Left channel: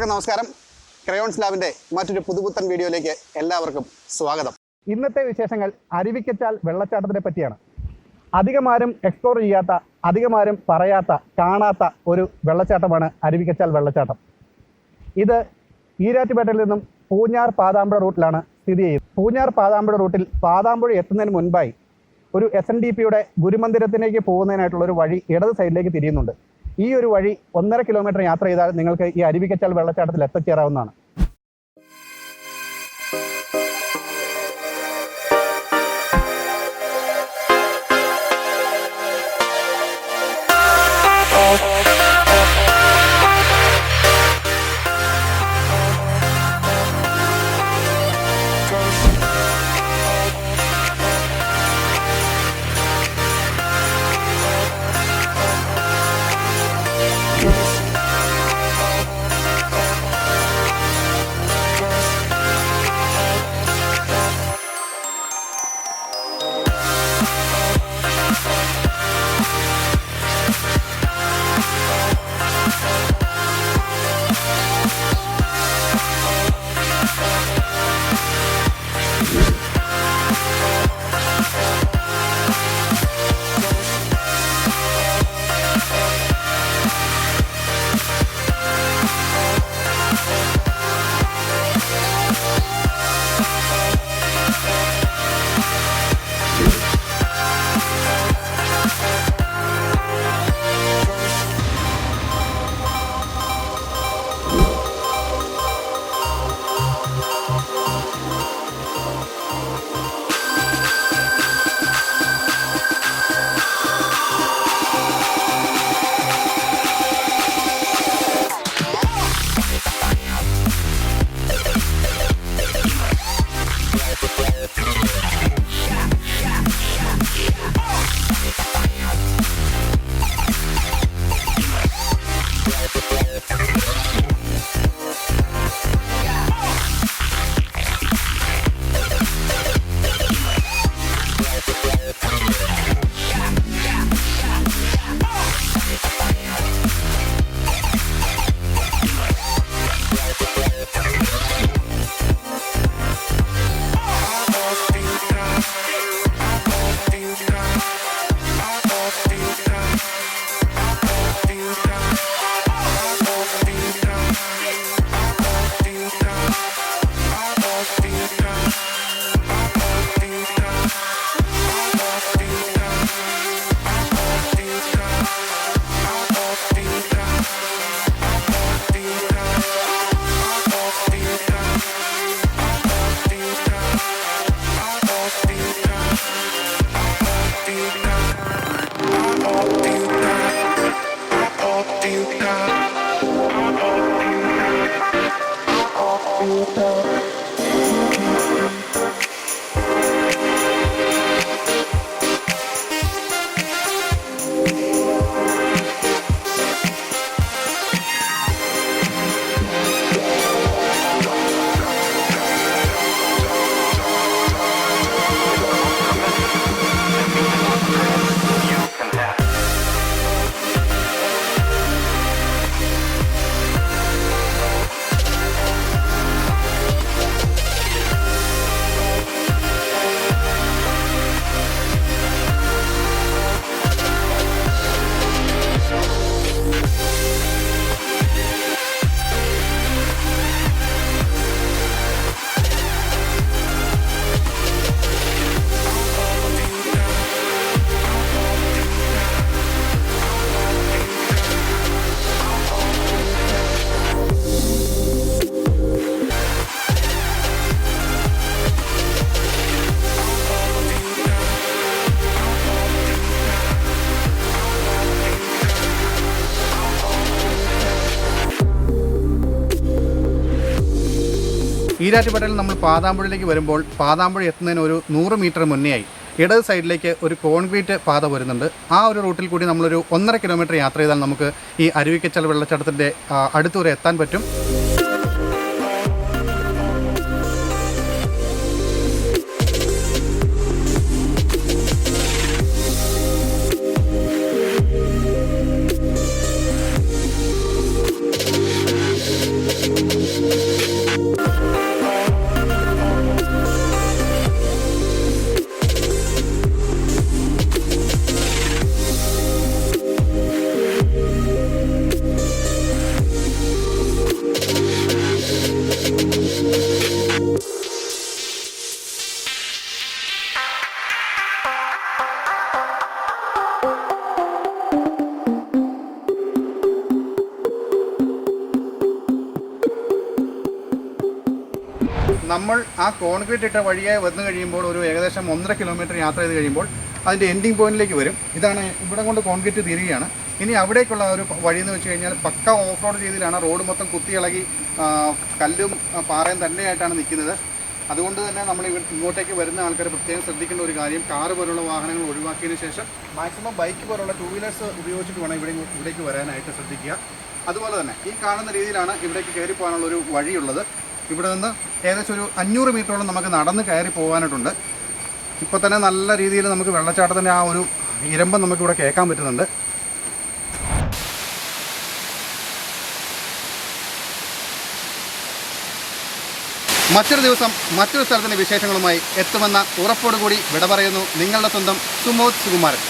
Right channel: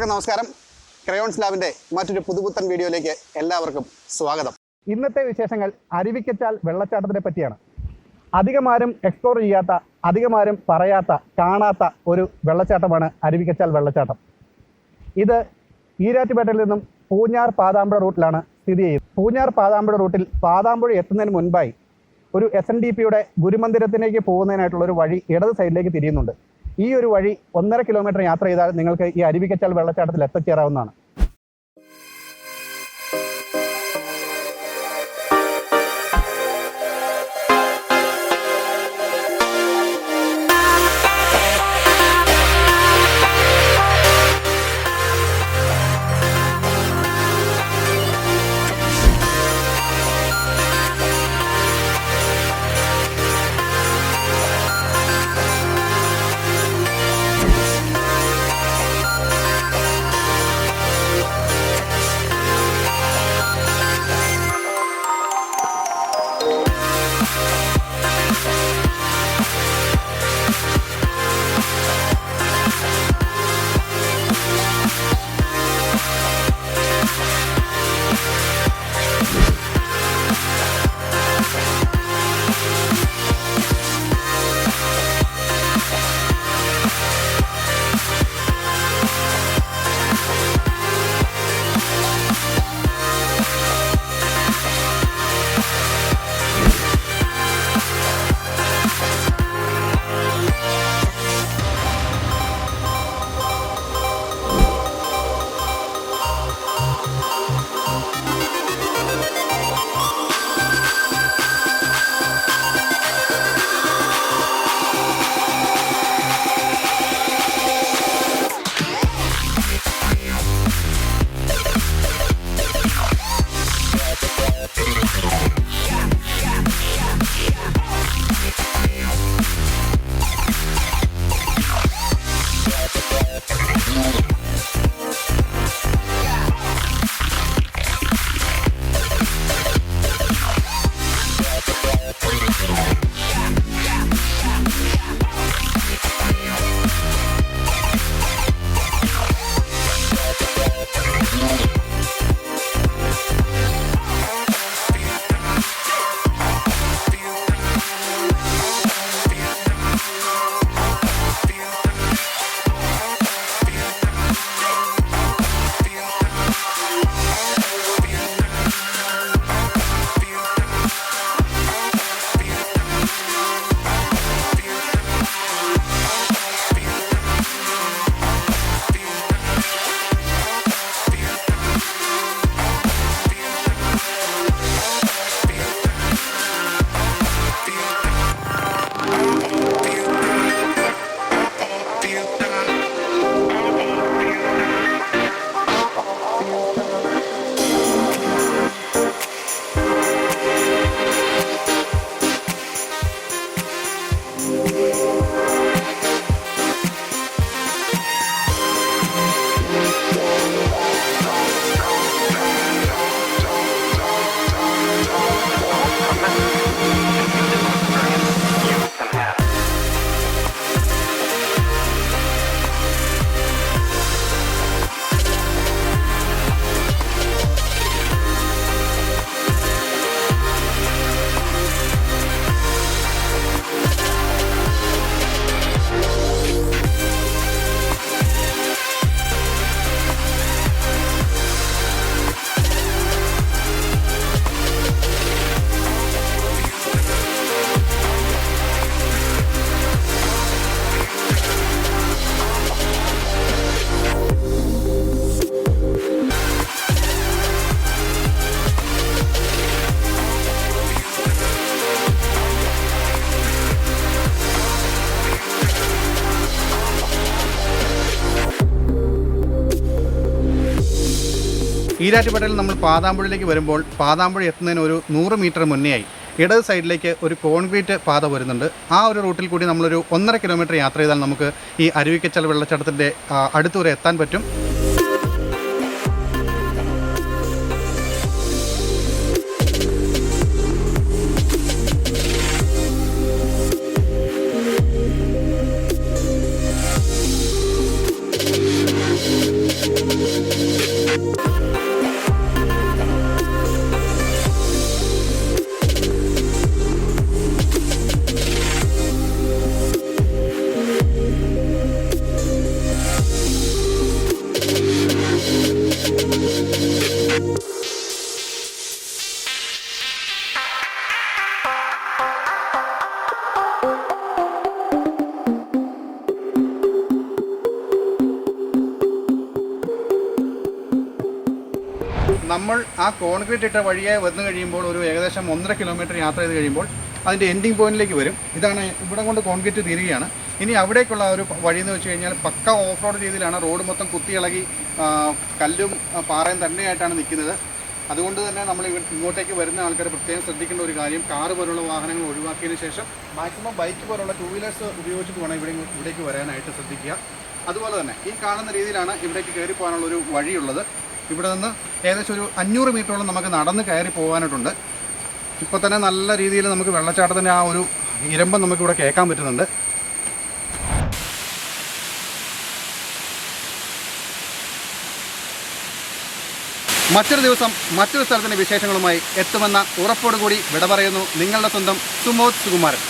എല്ലാവർക്കും നമസ്കാരം. ക്രയോൺസ് ലാബിൻ്റെ മറ്റൊരു പുതുപുത്തൻ വീഡിയോയിലേക്ക് എല്ലാവർക്കും സ്വാഗതം. ഇന്നത്തെ വിശേഷങ്ങൾ അരുവിക്കച്ചാൽ വെള്ളച്ചാട്ടത്തിനെ പറ്റിയാണ്. അധികമാരും എക്സ്പ്ലോർ ചെയ്യാത്ത, അധികമാരും പറയാത്ത, കാണാത്ത ഒരു വെള്ളച്ചാട്ടമാണ് അരുവിക്കച്ചാൽ വെള്ളച്ചാട്ടം. ഇത് ഈരാറ്റുപേട്ടയിൽ നിന്നും പൂഞ്ഞാർ പാതാമ്പുഴ റൂട്ടിലാണ് സ്ഥിതി ചെയ്യുന്നത്. പൂഞ്ഞാർ പാതാമ്പുഴ റൂട്ടിൽ പാതാമ്പുഴ എത്തുന്നതിന് മുൻപായി ഒരു SNDPയുടെ ഗുരുമന്ദിരത്തിലേക്ക് പോകുന്നതിനായിട്ടുള്ളൊരു വഴി ഇടത് സൈഡിലേക്ക് തിരിയുന്നുണ്ട്. ഈ ഒരു വഴി 1.5 കിലോമീറ്റർ യാത്ര ചെയ്താൽ നിങ്ങൾക്ക് ഈ അരുവിക്കച്ചാൽ വെള്ളച്ചാട്ടത്തിൽ എത്തിച്ചേരാവുന്നതാണ്. ഈരാറ്റുപേട്ടയിൽ നമ്മൾ പാതാമ്പുഴയിലേക്ക് വരുമ്പോൾ പാതാമ്പുഴ എത്തുന്നതിന് ഒരു 100 മീറ്റർ മുന്നേയായി ഇടത് സൈഡിലേക്ക് ഒരു കോൺക്രീറ്റ് പാത വരുന്നുണ്ട്. ആ ഒരു റൂട്ടിൽ കൂടി നമ്മളൊരു 1.5 കിലോമീറ്റർ യാത്ര ചെയ്താൽ നമുക്ക് ഈ അരുവിക്കച്ചാൽ വെള്ളച്ചാട്ടത്തിൻ്റെ അടുത്തുവരെ എത്താൻ പറ്റും. നമ്മൾ ആ കോൺക്രീറ്റ് ഇട്ട വഴിയായി വന്നു കഴിയുമ്പോൾ ഒരു ഏകദേശം 1.5 കിലോമീറ്റർ യാത്ര ചെയ്ത് കഴിയുമ്പോൾ അതിൻ്റെ എൻഡിങ് പോയിന്റിലേക്ക് വരും. ഇതാണ് ഇവിടെ കൊണ്ട് കോൺക്രീറ്റ് തീരുകയാണ്. ഇനി അവിടേക്കുള്ള ഒരു വഴി എന്ന് വെച്ച് കഴിഞ്ഞാൽ പക്ക ഓഫ് റോഡ് രീതിയിലാണ്. റോഡ് മൊത്തം കുത്തിയിളകി കല്ലും പാറയും തന്നെയായിട്ടാണ് നിൽക്കുന്നത്. അതുകൊണ്ട് തന്നെ നമ്മൾ ഇങ്ങോട്ടേക്ക് വരുന്ന ആൾക്കാർ പ്രത്യേകം ശ്രദ്ധിക്കേണ്ട ഒരു കാര്യം, കാറ് പോലുള്ള വാഹനങ്ങൾ ഒഴിവാക്കിയതിന് ശേഷം മാക്സിമം ബൈക്ക് പോലുള്ള 2 വീലേഴ്സ് ഉപയോഗിച്ചിട്ട് വേണം ഇവിടേക്ക് വരാനായിട്ട് ശ്രദ്ധിക്കുക. അതുപോലെ തന്നെ ഈ കാണുന്ന രീതിയിലാണ് ഇവിടേക്ക് കയറി പോകാനുള്ളൊരു വഴിയുള്ളത്. ഇവിടെ നിന്ന് ഏകദേശം ഒരു 500 മീറ്ററോളം നമുക്ക് നടന്ന് കയറി പോകാനായിട്ടുണ്ട്. ഇപ്പോൾ തന്നെ നല്ല രീതിയിൽ നമുക്ക് വെള്ളച്ചാട്ടത്തിൻ്റെ ആ ഒരു ഇരമ്പം നമുക്കിവിടെ കേൾക്കാൻ പറ്റുന്നുണ്ട്. മറ്റൊരു ദിവസം മറ്റൊരു സ്ഥലത്തിൻ്റെ വിശേഷങ്ങളുമായി എത്തുമെന്ന ഉറപ്പോടുകൂടി വിട പറയുന്നു നിങ്ങളുടെ സ്വന്തം സുമോദ് സുകുമാരൻ.